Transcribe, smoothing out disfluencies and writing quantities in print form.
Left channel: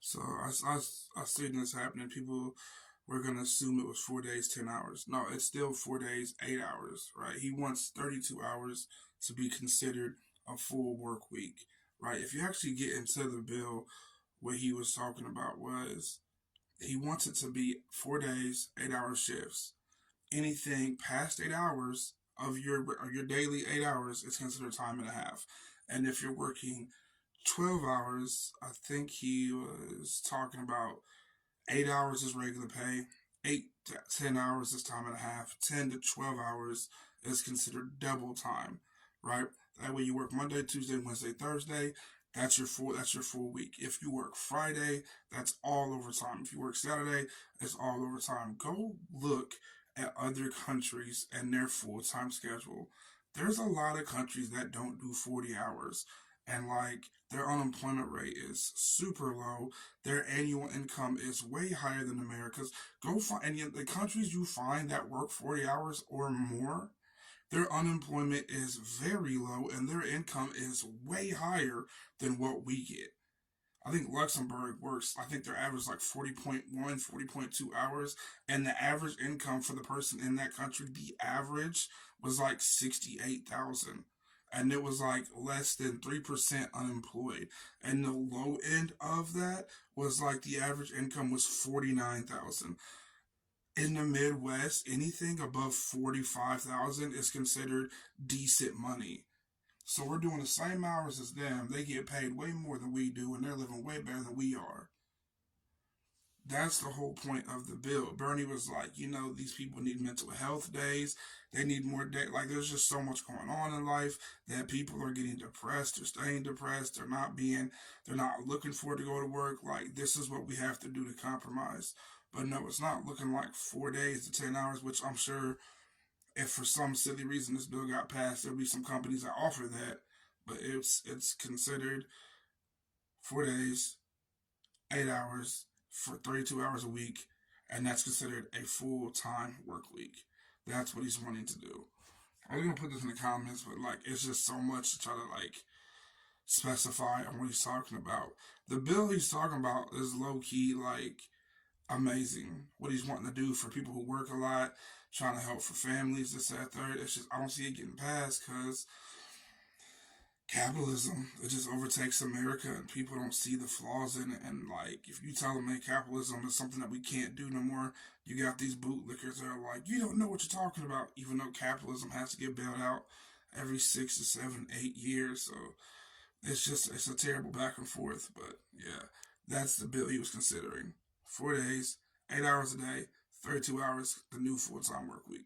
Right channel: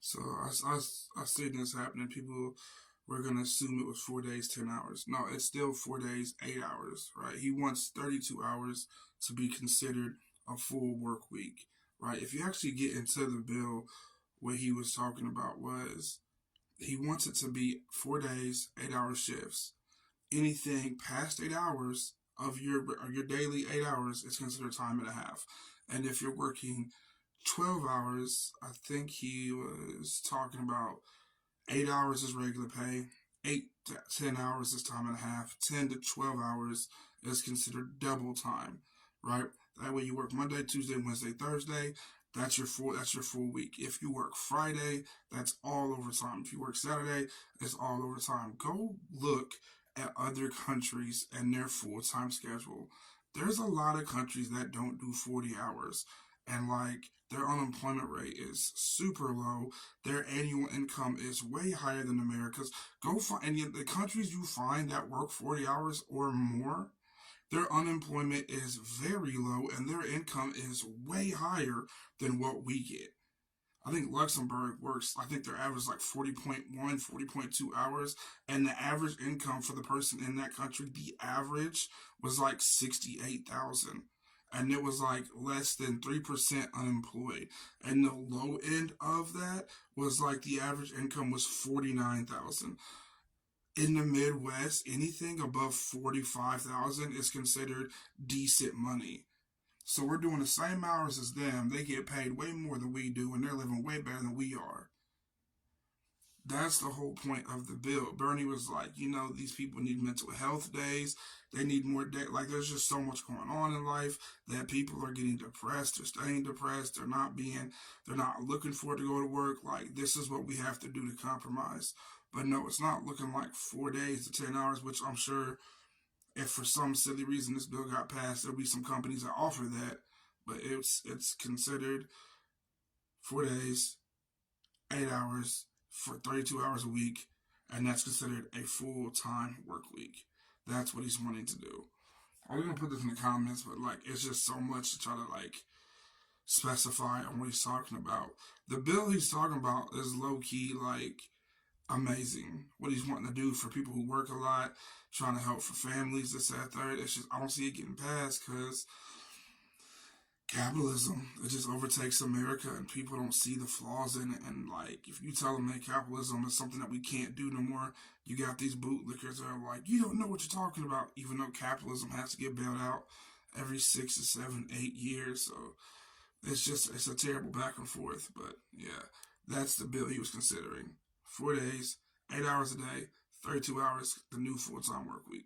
So I seen this happening. People were gonna assume it was 4 days, 10 hours. No, it's still 4 days, 8 hours. Right? He wants 32 hours to be considered a full work week. Right? If you actually get into the bill, what he was talking about was he wants it to be 4 days, 8 hour shifts. Anything past 8 hours of your daily 8 hours is considered time and a half. And if you're working 12 hours, I think he was talking about 8 hours is regular pay, 8 to 10 hours is time and a half, 10 to 12 hours is considered double time, right? That way you work Monday, Tuesday, Wednesday, Thursday. That's your full week. If you work Friday, that's all overtime. If you work Saturday, it's all overtime. Go look at other countries and their full time schedule. There's a lot of countries that don't do 40 hours, and like their unemployment rate is super low. Their annual income is way higher than America's. Go find and the countries you find that work 40 hours or more, their unemployment is very low and their income is way higher than what we get. I think Luxembourg works, I think their average is like 40.1, 40.2 hours. And the average income for the person in that country, the average was like 68,000. And it was like less than 3% unemployed. And the low end of that was like the average income was 49,000. In the Midwest, anything above 45,000 is considered decent money. So we're doing the same hours as them. They get paid way more than we do, and they're living way better than we are. That's the whole point of the bill. Bernie was like, these people need mental health days. They need more day. Like, there's just so much going on in life that people are getting depressed or staying depressed. They're not looking forward to going to work. Like, this is what we have to do to compromise. But no, it's not looking like 4 days to 10 hours, which I'm sure if for some silly reason this bill got passed, there'll be some companies that offer that. But it's considered 4 days, 8 hours for 32 hours a week, and that's considered a full time work week. That's what he's wanting to do. I was gonna put this in the comments, but like it's just so much to try to like specify on what he's talking about. The bill he's talking about is low key like amazing. What he's wanting to do for people who work a lot, trying to help for families, this, that, third. It's just I don't see it getting passed because capitalism, it just overtakes America and people don't see the flaws in it. And like if you tell them hey, capitalism is something that we can't do no more, you got these bootlickers that are like, you don't know what you're talking about, even though capitalism has to get bailed out every 6 to 7, 8 years. So it's a terrible back and forth. But yeah, that's the bill he was considering. 4 days, 8 hours a day, 32 hours, the new full time work week.